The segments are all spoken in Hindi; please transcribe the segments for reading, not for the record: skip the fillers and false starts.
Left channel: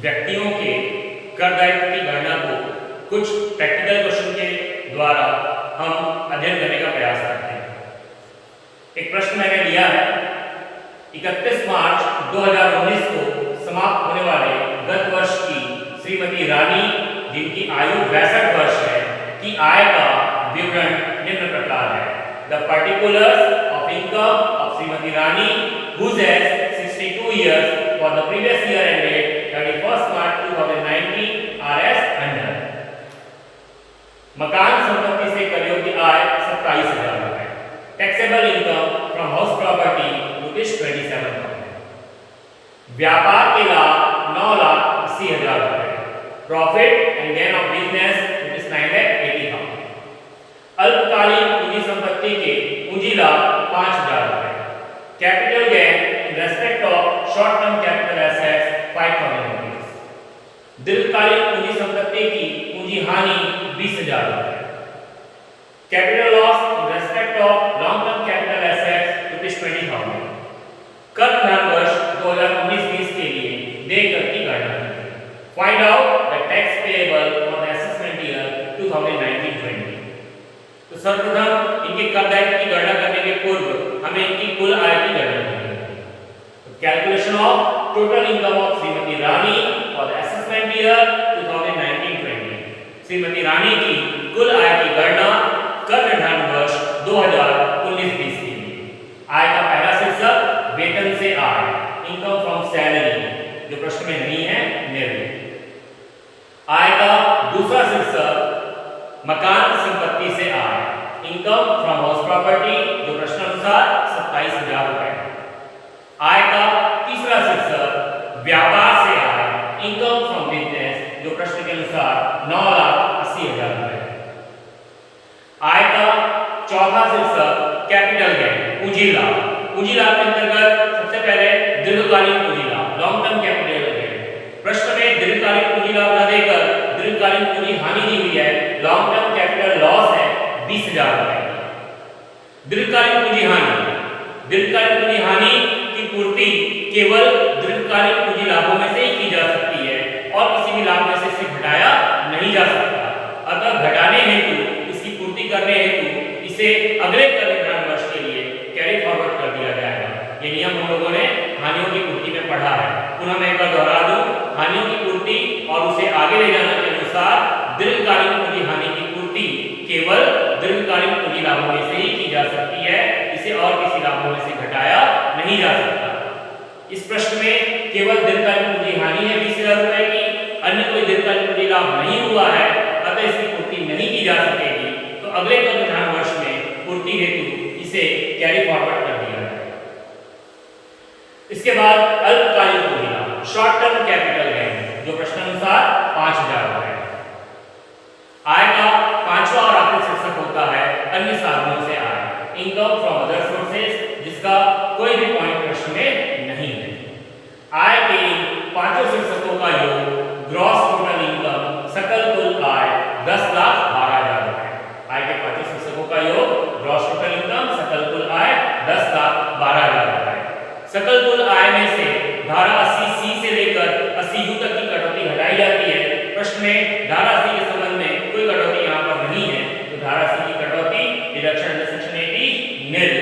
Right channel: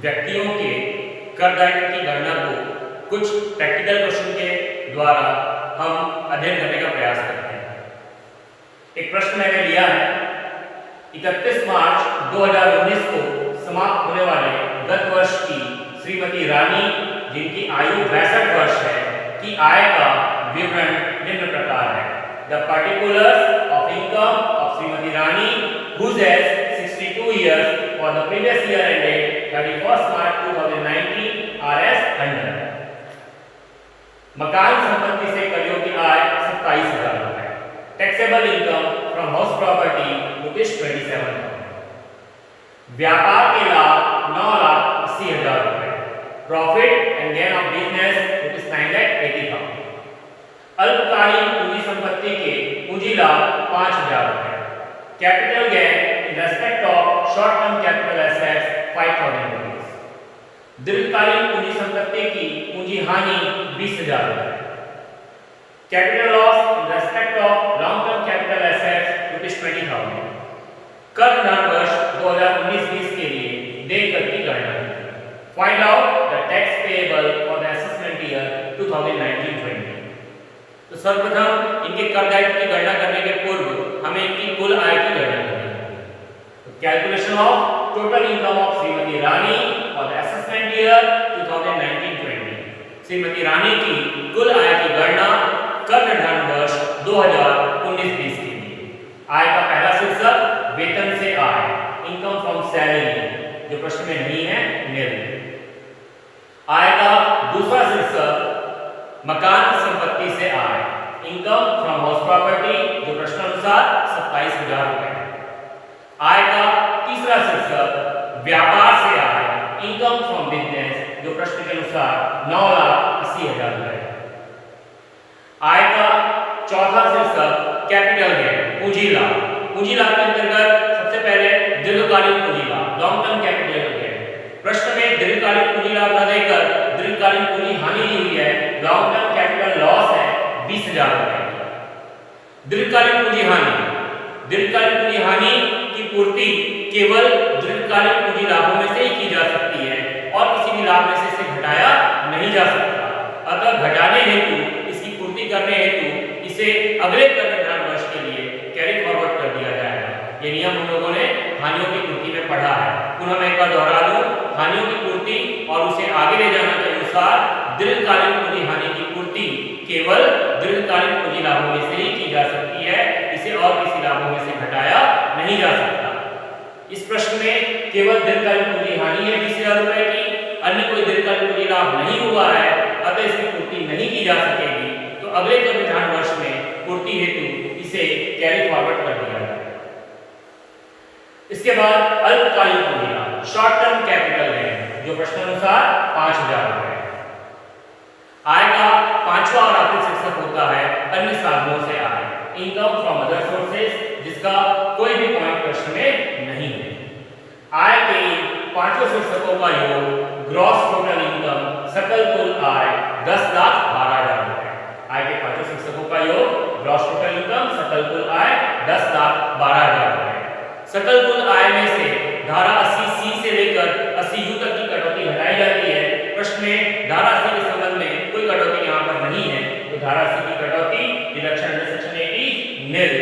व्यक्तियों के कर दायित्व की गणना को कुछ प्रैक्टिकल क्वेश्चन के द्वारा हम अध्ययन करने का प्रयास करते हैं। एक प्रश्न मैंने लिया है, 31 मार्च 2019 को समाप्त होने वाले गत वर्ष की श्रीमती रानी, जिनकी आयु 62 वर्ष है, की आय का विवरण निम्न प्रकार है। The particulars of income of Shrimati Rani whose age 62 years for the previous year ended 31st March 2019 are as under। मकान संपत्ति से करियों की आय 27,000 रुपए। Taxable income from house property ₹27,000। व्यापार के लाभ 9,80,000 रुपए। Profit and gain of business ₹9,80,000। अल्पकालीन पूंजी संपत्ति के पूंजी लाभ 5,000 रुपए। Capital gain in respect of short term capital assets 5,000 rupees. दीर्घकालीन पूंजी संपत्ति की पूंजी हानि 20,000 रुपए। Capital loss in respect of long term capital assets ₹20,000। कर धन वर्ष 2019-20 के लिए देकर की गणना कीजिए। Find out the tax payable for the assessment year 2019-20। तो सर्वप्रथम इनके कर दायित्व की गणना करने के पूर्व हमें इनकी कुल आय की गणना करनी है। तो calculation of total income of Shrimati Rani for the assessment year 2019-20। Shrimati Rani की कुल आय की गणना कर निर्धारण वर्ष 2019-20 के लिए। आय का पहला शीर्षक वेतन से आय, इनकम फ्रॉम सैलरी, जो प्रश्न में नहीं है, निर्णय। आय का दूसरा शीर्षक मकान संपत्ति से आय, इनकम फ्रॉम हाउस प्रॉपर्टी, जो प्रश्नानुसार 27,000 रुपए। आय का तीसरा शीर्षक व्यापार से आय, इनकम फ्रॉम बिजनेस, जो प्रश्न के अनुसार 9,80,000 रुपए। आय का चौथा शीर्षक कैपिटल गेन, पूंजी लाभ। पूंजी लाभ के अंतर्गत सबसे पहले दीर्घकालीन पूंजी लाभ, लॉन्ग टर्म कैपिटल गेन। प्रश्न में दीर्घकालीन पूंजी लाभ न देकर दीर्घकालीन पूंजी हानि दी हुई है, लॉन्ग टर्म कैपिटल लॉस है 20,000 रुपए। दीर्घकालीन पूंजी हानि, दीर्घकालीन पूंजी हानि की पूर्ति केवल दीर्घकालीन पूंजी लाभों में से ही की जा सकती है और किसी भी लाभ में से इसे घटाया नहीं जा सकता। अतः घटाने हेतु, इसकी पूर्ति करने हेतु इसे अगले कर निर्धारण वर्ष के लिए कैरी फॉरवर्ड कर दिया जाएगा। ये नियम हम लोगों ने हानियों की पूर्ति में पढ़ा है। पुनः मैं एक बार दोहरा दूं, हानियों की पूर्ति और उसे आगे ले जाने के अनुसार दीर्घकालीन पूंजी हानि की पूर्ति केवल दीर्घकालीन पूंजी लाभों में से ही की जा सकती है, इसे और किसी लाभों में से घटाया नहीं जा सकता। इस प्रश्न में केवल दीर्घकालीन पूंजी हानि है 20,000 रुपए की, अन्य कोई दीर्घकालीन पूंजी लाभ नहीं हुआ है, अतः इसकी पूर्ति नहीं की जा सकेगी। तो अगले कर निर्धारण वर्ष में पूर्ति हेतु इसे कैरी फॉरवर्ड कर दिया जाए। इसके बाद अल्पकालीन पूंजी लाभ, शॉर्ट टर्म कैपिटल गेन, जो प्रश्नानुसार 5,000 रुपए। आय का पांचवा और आखिरी शीर्षक होता है अन्य साधनों से आय, इनकम फ्रॉम अदर सोर्सेज, जिसका कोई भी पॉइंट प्रश्न में नहीं है। आय के पांचों शीर्षकों का योग ग्रॉस टोटल इनकम, सकल कुल आय 10,12,000 रुपए। आय के पांचों शीर्षकों का योग ग्रॉस टोटल इनकम, सकल कुल आय 10,12,000 रुपए। सकल कुल आय में से धारा 80C से लेकर 80U तक की कटौती घटाई जाती है। प्रश्न में धारा 80 के संबंध में कोई कटौती यहाँ पर नहीं है, तो धारा 80 की कटौती डिडक्शन अंडर सेक्शन 80 निल।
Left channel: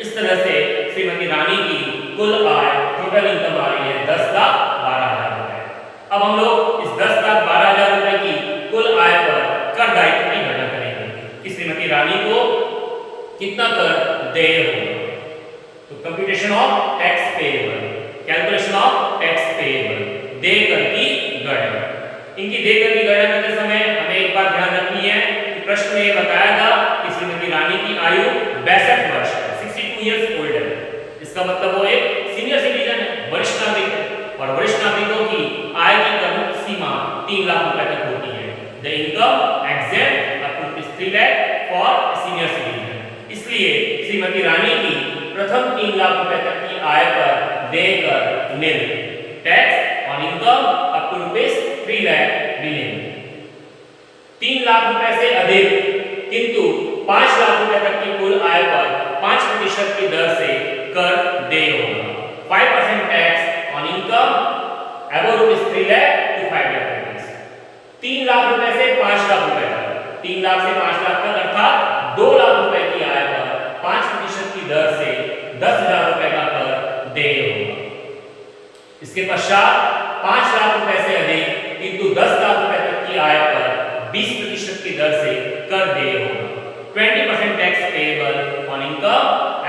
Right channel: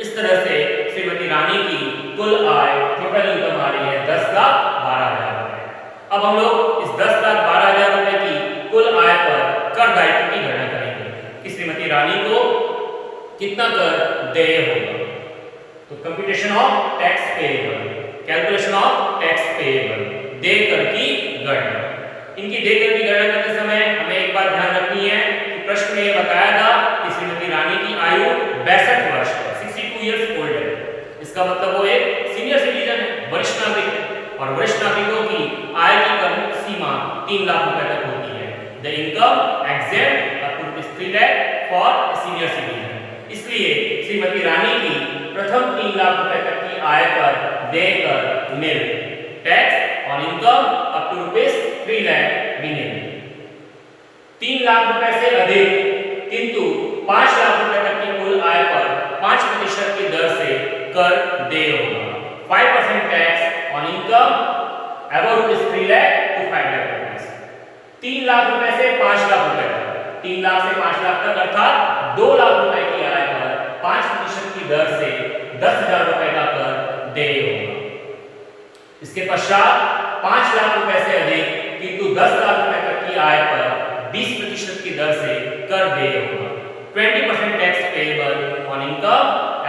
इस तरह से श्रीमती रानी की कुल आय, टोटल इनकम आ रही है 10,12,000 रुपए। अब हम लोग इस 10,12,000 रुपए की कुल आय पर कर दायित्व की गणना करेंगे कि श्रीमती रानी को कितना कर देय होगा। तो computation of tax payable, calculation of tax payable, देय कर की गणना। इनकी देय कर की गणना करते समय हमें एक बात ध्यान रखनी है कि प्रश्न में यह बताया था कि श्रीमती रानी की आयु 62 वर्ष है, 62 इयर्स ओल्ड है। इसका मतलब वो एक सीनियर सिटीजन है, वरिष्ठ नागरिक है, और वरिष्ठ नागरिकों की आय की कम सीमा 3 लाख रुपए तक होती है। The income exempt up to 3 lakh for senior citizen. इसलिए श्रीमती रानी की प्रथम 3 लाख रुपए तक की आय पर देय कर nil, tax on income up to ₹3 lakh भी निल। 3 लाख रुपए से अधिक किंतु 5 लाख रुपए तक की कुल आय पर 5% की दर से कर देय होगा। 5% tax on income above rupees 3 lakh to 5 lakh rupees. 3 lakh रुपए से 5 लाख रुपए तक, 3 लाख से 5 लाख तक अर्थात 2 लाख रुपए की आय पर 5% की दर से 10,000 रुपए का कर देय होगा। इसके पश्चात 5 लाख रुपए से अधिक किंतु 10 लाख रुपए तक की आय पर 20% की दर से कर देय होगा। 20% tax payable on income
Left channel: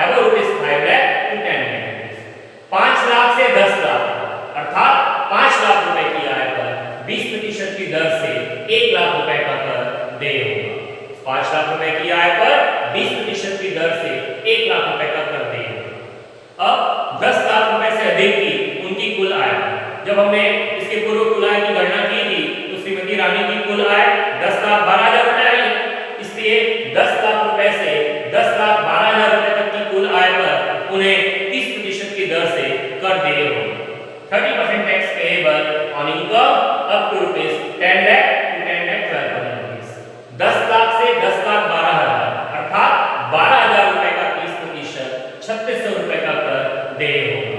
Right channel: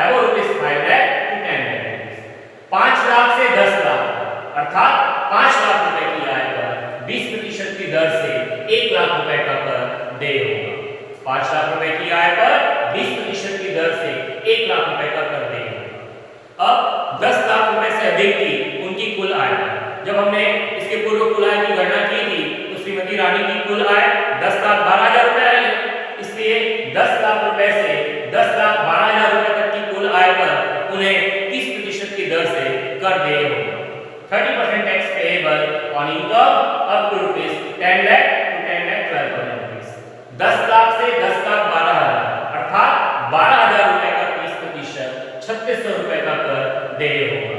above rupees 5 lakh to 10 lakh rupees. 5 lakh से 10 लाख अर्थात 5 लाख रुपए की आय पर 20% की दर से 1 लाख रुपए का कर देय होगा। 5 लाख रुपए की आय पर 20% की दर से 1 लाख रुपए का कर देय होगा। अब 10 लाख रुपए से अधिक की उनकी कुल आय, जब हमने इसके पूर्व कुल आय की गणना की थी तो श्रीमती रानी की कुल आय 10,12,000 रुपए आई है। इसलिए 10 लाख रुपए से 10,12,000 रुपए तक की कुल आय पर उन्हें 30% की दर से कर देय होगा। 30% tax payable on income up to rupees 10 lakh to 10 lakh 12,000 rupees. 10 lakh से 10,12,000 अर्थात 12,000 रुपए का 30% 3,600 रुपए का कर देय होगा।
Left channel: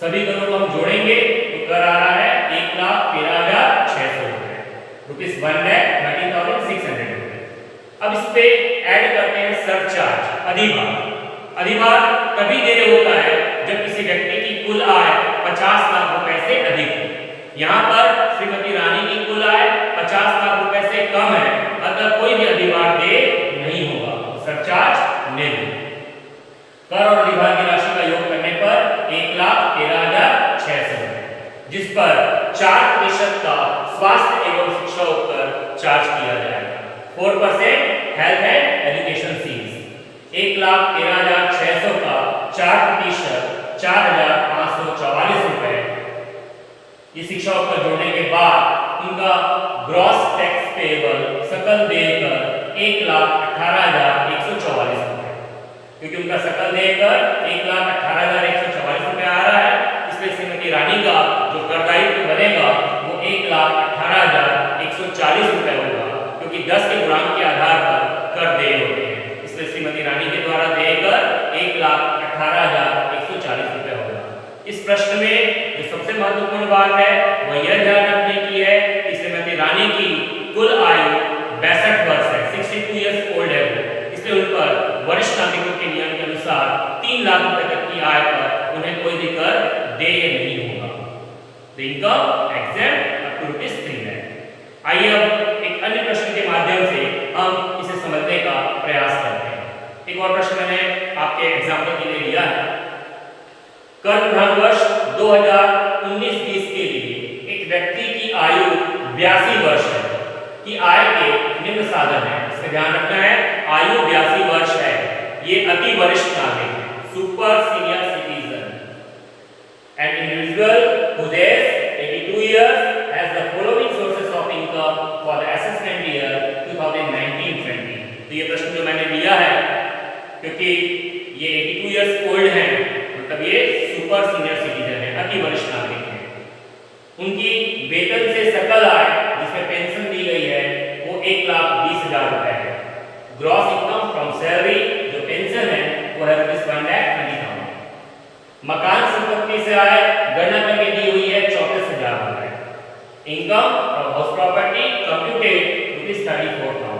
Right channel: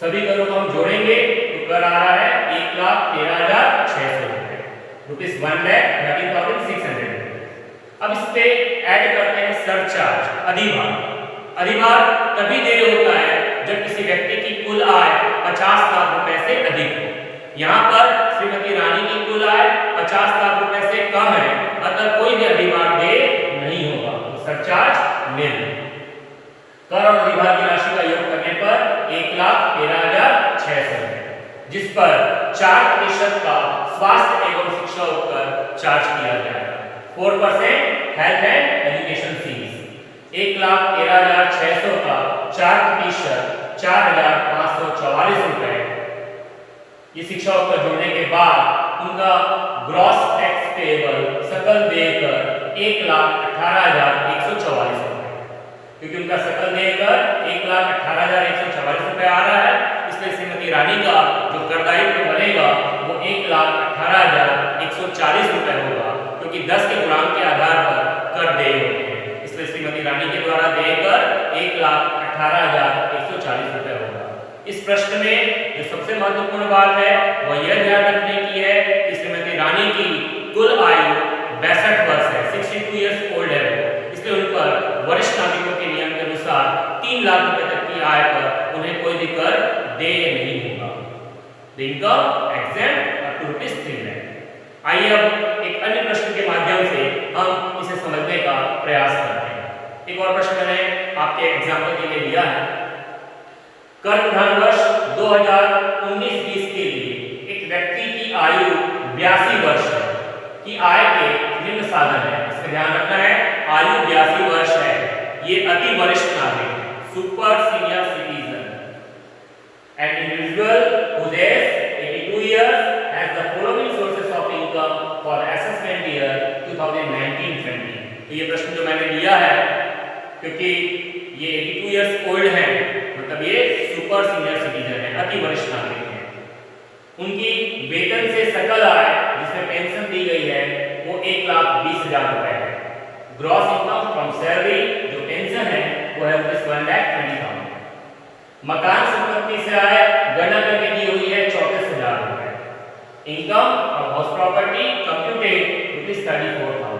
सभी करों को हम जोड़ेंगे तो कर आ रहा है 1,13,600 रुपए, रुपीज 1,13,600 रुपए। अब इस पे ऐड करते हैं सरचार्ज, अधिभार। अधिभार तभी देय होता है जब किसी व्यक्ति की कुल आय 50 लाख रुपए से अधिक हो। यहाँ पर श्रीमती रानी की कुल आय 50 लाख रुपए से कम है, अतः कोई भी अधिभार देय नहीं होगा, सरचार्ज निल। कर और अधिभार की राशि का योग करने पर 1,13,600 रुपए, जिस पर 4% का स्वास्थ्य एवं शिक्षा उपकर चार्ज किया जाएगा। 4% हेल्थ एंड एजुकेशन फीस। 1,13,600 का 4% 4,544 रुपए। ये शिक्षा उपकर जोड़ने के बाद उनका ग्रॉस टैक्स पेएबल सकल देय कर 1,18,144 रुपए, क्योंकि उनका सकल देय कर 1,18,144 रुपए आ रहा है, इसलिए श्रीमती रानी का जो कर दायित्व बनेगा वो 1,18,140 रुपए होगा, क्योंकि 10 के गुणांक के आधार पर कर देय होते हैं। इसलिए श्रीमती रानी के द्वारा देय कर 1,18,140 रुपए होगा। इस प्रश्न में जो सबसे महत्वपूर्ण बात है वह यह ध्यान रखने की है कि श्रीमती रानी की कुल आयु 62 वर्ष है, 62 इयर्स ओल्ड है वो, इसलिए उन पर वरिष्ठ नागरिकों के नियम के अनुसार 3 लाख रुपए तक की आय पर उन्हें कोई भी कर देय नहीं होगा। The income exempt up to rupees 3 lakh. आइए अब एक अन्य प्रश्न के माध्यम से हम इसे समझने का प्रयास करते हैं। एक और प्रश्न मैंने आपके एग्जाम्पल के लिए लिया है। कर विधान वर्ष 2019-20 के लिए एक व्यक्ति की आयु 82 वर्ष है, की आय के निम्न साधन है। इसका ध्यान रखना है, आयु 82 वर्ष है, ये अति वरिष्ठ नागरिक है, super senior citizen. An individual whose age 82 years has the following sources of income for the assessment year 2019-20। तो ये प्रश्न जो मैंने लिया है, क्योंकि ये 82 इयर्स ओल्ड हैं, मतलब ये सुपर सीनियर सिटीजन है, अति वरिष्ठ नागरिक है। उनकी वेतन से सकल आय जिसमें पेंशन दी गई है वो 1,20,000 रुपए है। ग्रॉस इनकम फ्रॉम सैलरी जो पेंशन है वो है ₹1,20,000। मकान संपत्ति से आय गणना करके दी हुई है 34,000 रुपए। Income from house property computed ₹34,000।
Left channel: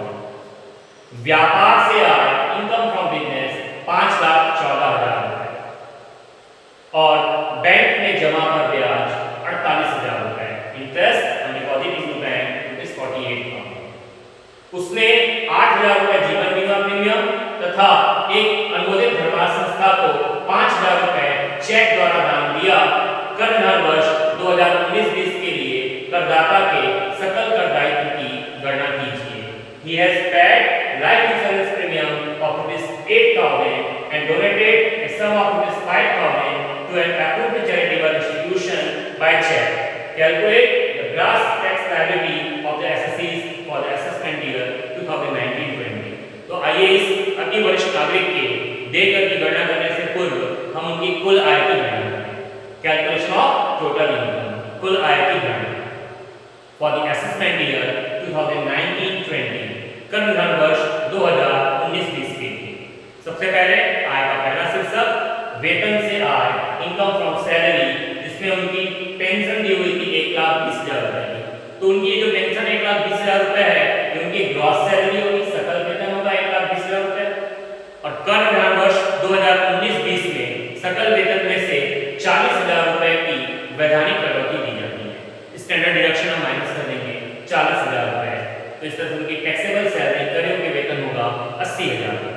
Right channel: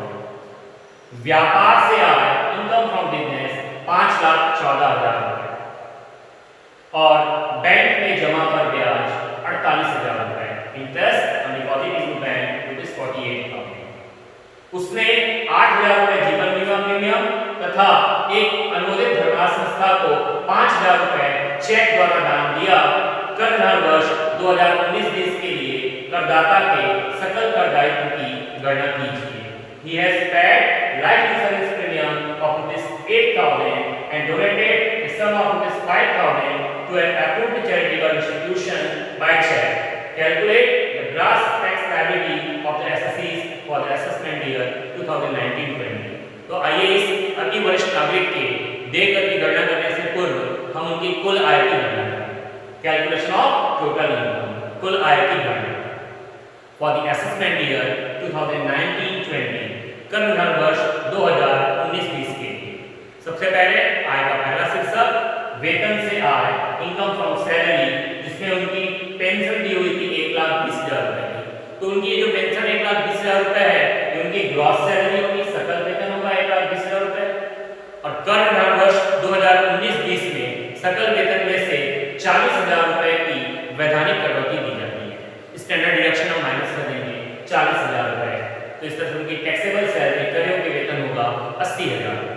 व्यापार से आय इनकम फ्रॉम बिजनेस 5,14,000 रुपए और बैंक में जमा पर ब्याज 48,000 रुपए। Interest on deposit in bank ₹48,000। उसने 8,000 रुपए जीवन बीमा प्रीमियम तथा एक अनुमोदित धर्मार्थ संस्था को 5,000 रुपए चेक द्वारा दान दिया। कर विधान वर्ष 2019-20 के लिए करदाता के सकल कर दायित्व की गणना कीजिए। He has paid life insurance premium of ₹8,000 and donated a sum of ₹5,000 to an approved charitable institution by check. Calculate the gross tax liability of the assessees for the assessment year 2019-20। तो आइए इस अति वरिष्ठ नागरिक के देकर की गणना करने से पूर्व हम उनकी कुल आय की गणना करें। कैलकुलेशन ऑफ टोटल इनकम, कुल आय की गणना फॉर द असेसमेंट ईयर 2019-20 कर विधान वर्ष 2019-20 के लिए। सबसे पहले आय का पहला शीर्षक वेतन से आय, इनकम फ्रॉम सैलरी, जिसमें जिसमें उनकी पेंशन दी हुई थी 1,20,000 रुपए की। तो उनकी जो पेंशन 1,20,000 रुपए है ये उनकी ग्रॉस सैलरी होगी, सकल वेतन होगा 1,20,000 रुपए। और कर विधान वर्ष 2019-20 में सकल वेतन में से 40,000 रुपए की वैधानिक कटौती दी जाती है। स्टैंडर्ड डिडक्शन हम माइनस कर देंगे 40,000 रुपए। तो इस तरह से उनकी टैक्सेबल सैलरी कर योग्य वेतन होगा 80,000 रुपए।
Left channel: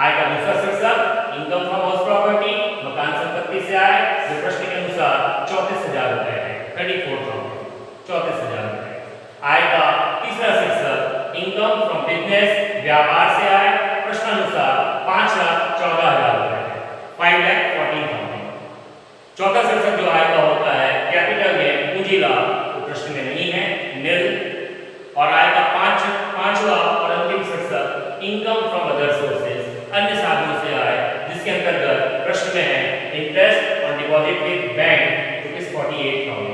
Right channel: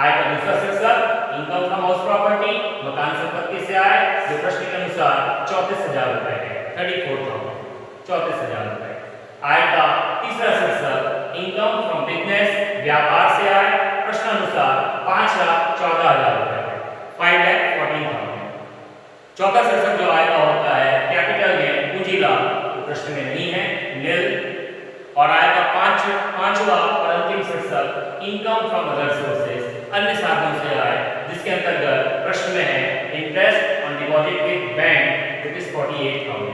आय का दूसरा शीर्षक इनकम फ्रॉम हाउस प्रॉपर्टी, मकान संपत्ति से आय, जो प्रश्न के अनुसार 34,000 रुपए है, 34,000, 34,000 रुपए। आय का तीसरा शीर्षक इनकम फ्रॉम बिजनेस, व्यापार से आय, प्रश्नानुसार 5,14,000 रुपए है, 5,14,000। चौथा शीर्षक जो आय का होता है कैपिटल गेन, पूंजी लाभ, तो प्रश्न में नहीं है, नील। और आय का पांचवा और अंतिम शीर्षक इनकम फ्रॉम अदर सोर्सेज, अन्य साधनों से आय, जिसके अंतर्गत प्रश्न में है interest on deposit with bank ₹48,000,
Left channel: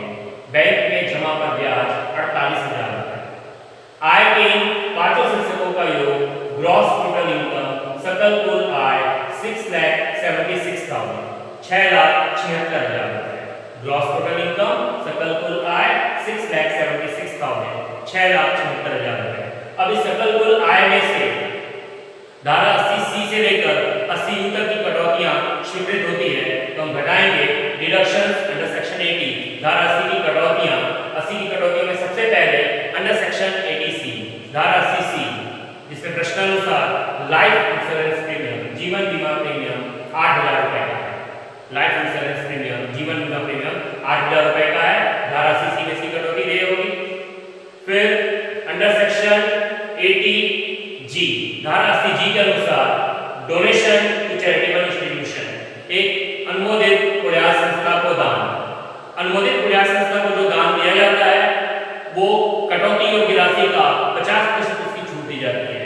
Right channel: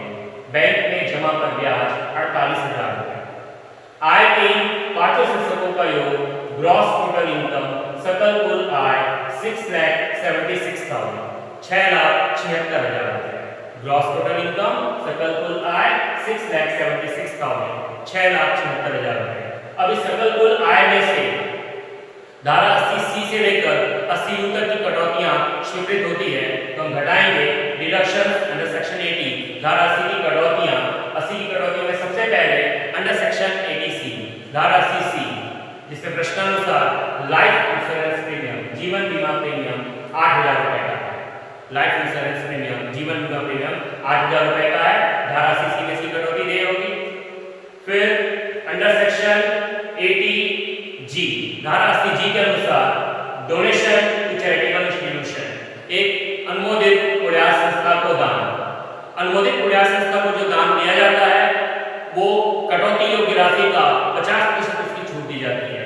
bank में जमा पर ब्याज 48,000 रुपए। आय के इन पांचों शीर्षकों का योग ग्रॉस टोटल इनकम, सकल कुल आय 6,76,000, 6,76,000 रुपए। ग्रॉस टोटल इनकम, सकल कुल आय 6,76,000, 6,76,000 रुपए। अब इस सकल कुल आय में से धारा 80C से लेकर 80U तक की कटौतियां स्वीकृत होती है, तो हम घटाएंगे डिडक्शंस अंडर सेक्शन 80। धारा 80 की कटौतियां, 80 की कटौतियों में सबसे पहले अंडर सेक्शन 80C, धारा 80C, जिसमें प्रश्नानुसार लाइफ इंश्योरेंस प्रीमियम, जीवन बीमा प्रीमियम 8,000 रुपए का है। लाइफ इंश्योरेंस प्रीमियम, जीवन बीमा प्रीमियम 8,000 रुपए का है, धारा 80C में इसकी कटौती दे होगी। फिर अंडर सेक्शन 80G, धारा 80G के अनुसार डोनेशन टू चैरिटेबल इंस्टीट्यूशन, एक अनुमोदित प्रयास संस्था को दान, अनुमोदित प्रयास संस्था को जो दान दिया जाता है वो कटौती योग्य राशि का 50% उसकी छूट दी जाती है।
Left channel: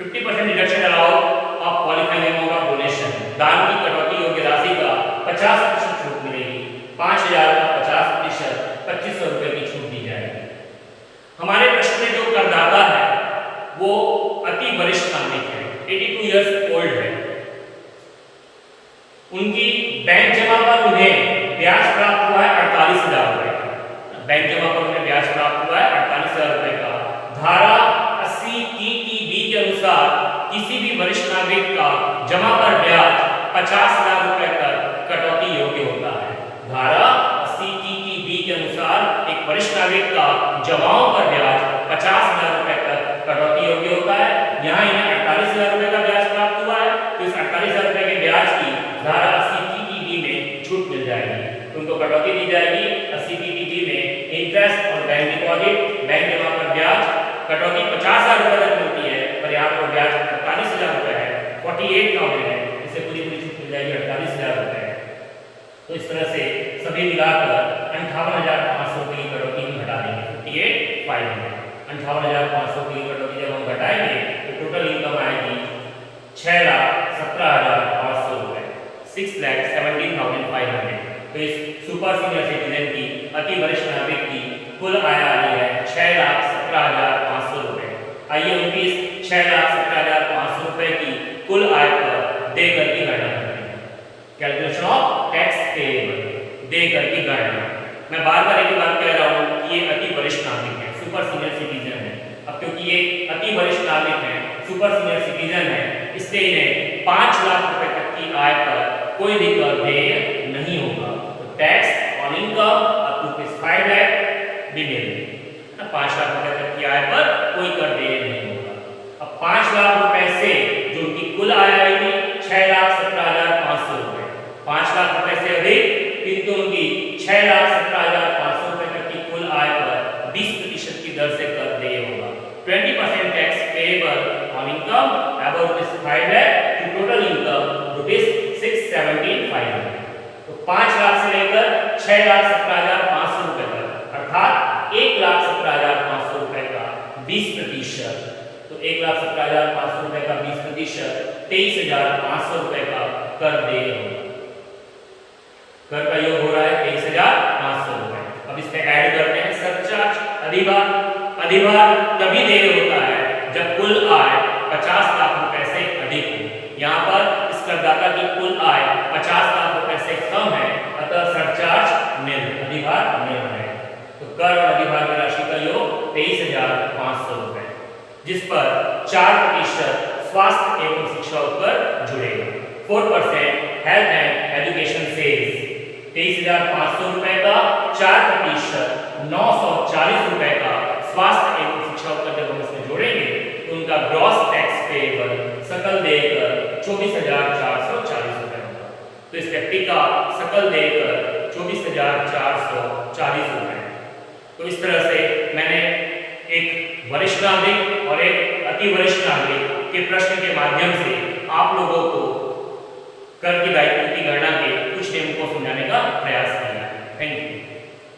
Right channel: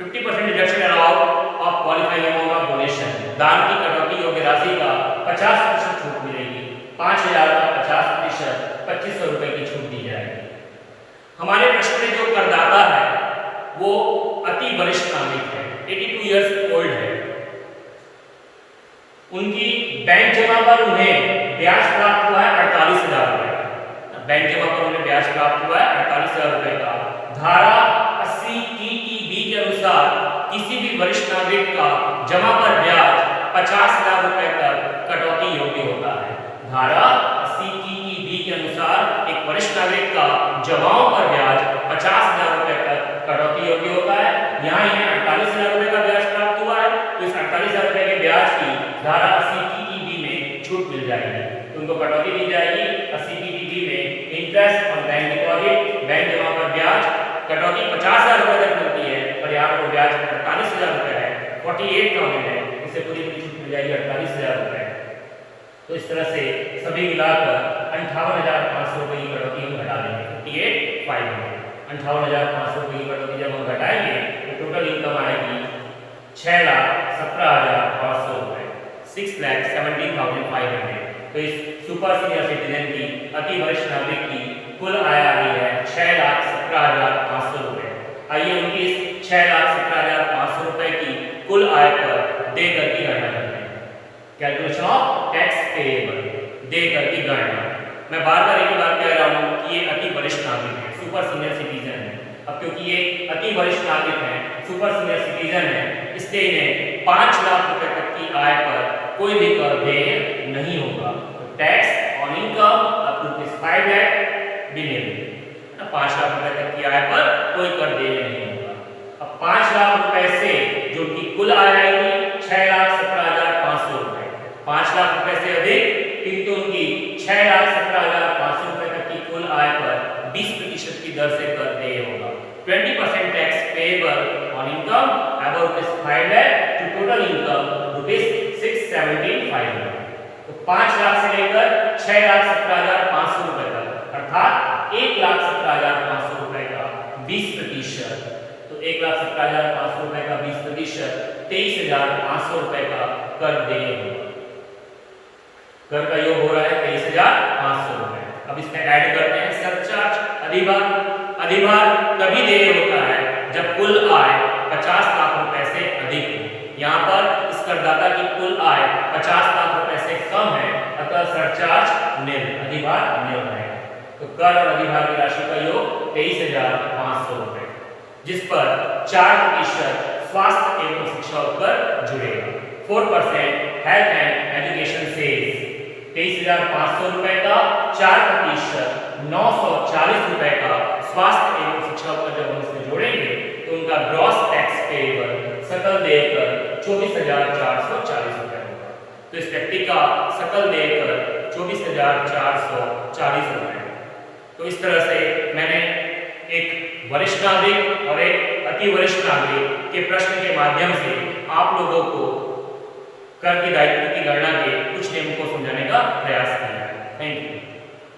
50% deduction allowed of qualifying amount of donation, दान की कटौती योग्य राशि का 50% छूट मिलेगी। 5,000 का 50%, 2,500 रुपए की छूट दी जाएगी। हमारे प्रश्न में जो करदाता है वो अति वरिष्ठ नागरिक है, 82 इयर्स ओल्ड है। उनकी बैंक जमा पर उन्हें ब्याज प्राप्त हुआ है 48,000 रुपए का। बैंक जमा पर उन्हें ब्याज प्राप्त हुआ है 48,000 रुपए का। धारा 80E के अनुसार किसी भी वरिष्ठ नागरिक का जमा पर ब्याज 50,000 रुपए तक कटौती योग्य होता है। धारा 80E के अनुसार एक वरिष्ठ नागरिक का जमाओं पर ब्याज 50,000 रुपए तक कटौती योग्य होता है। यहाँ इन्हें 48,000 रुपए का ब्याज प्राप्त हुआ है, तो इस 48,000 रुपए के ब्याज की धारा 80E में छूट मिल जाएगी, तो उनको कटौती दी जाएगी। 80E में इंटरेस्ट और बैंक डिपॉजिट, बैंक जमा पर ब्याज कटौती 50,000 रुपए तक मिलती है, पर यहाँ पर ब्याज 48,000 रुपए है, 48,000 है, इसे पूरी छूट मिल जाएगी 48,000 रुपए। तो इस तरह से सभी मिलाकर 58,500 रुपए की कटौती हम घटा देंगे, 58,500। 58,500 रुपए की कटौती जब हम घटाएंगे तो टोटल इनकम आएगी 6,17,500 रुपए, 6,17,500। तो इस सुपर सीनियर सिटीजन की, अति वरिष्ठ नागरिक की कुल आय आ रही है 6,17,500 रुपए। आइए उनकी इस 6,17,500 रुपए की कुल आय पर देकर की गणना करते हैं। कैलकुलेशन ऑफ टैक्स पेएबल, देकर की गणना। मैं बार बार एक बात कह रहा हूँ कि ये अति वरिष्ठ नागरिक है, सुपर सीनियर सिटीजन है। अब क्योंकि ये अति वरिष्ठ नागरिक है, सुपर सीनियर सिटीजन है, इसलिए इन्हें 5 लाख रुपए तक की आय पर कोई भी कर देय नहीं होगा। तो tax on income up to 5 lakh भी नहीं, 5 लाख रुपए तक की आय पर कोई कर देय नहीं होगा। अब 5 लाख रुपए से जो उनकी कुल आय आएगी 6,17,500 रुपए, 5 लाख रुपए से अधिक किंतु उनकी 6,17,500 रुपए तक की कुल आय पर 20% की दर से कर देय होगा। 20% tax payable on income above 5 lakh to total income ₹6,17,500। तो 5 लाख से लेकर 6,17,500 रुपए तक, अर्थात 1,17,500 रुपए का 20%। तो 1,17,500 रुपए का 20%, 23,500 रुपए का कर देय होगा। कर का योग हो रहा है 23,500 रुपए। अब इसमें ऐड करते हैं सरचार्ज, अधिभार। अधिभार तभी देय होता है जब कुल आय 50 लाख रुपए से अधिक हो। यहाँ पर इस करदाता की कुल आय 50 लाख रुपए से कम है, अतः सरचार्ज निल, अधिभार निल है। तो कर और अधिभार की राशि का योग 23,500 रुपए, जिस पर 4% स्वास्थ्य एवं शिक्षा उपकर जुड़ेगा। 4% हेल्थ एंड एजुकेशन सेल्स 23,500 रुपए का, 4% 940 रुपए का स्वास्थ्य एवं शिक्षा उपकर जब हम इसमें जोड़ेंगे तो उनका ग्रॉस टैक्स पेएबल सकल देय कर 24,440 रुपए होगा। तो इस व्यक्ति का सकल देय कर 24,440 रुपए। तो इस तरह से मैंने एक वरिष्ठ नागरिक और एक अति वरिष्ठ नागरिक के प्रश्न के माध्यम से आप लोगों को कर की दायित्व की गणना के कुछ नियमों को समझाने का प्रयास किया है। Thank you.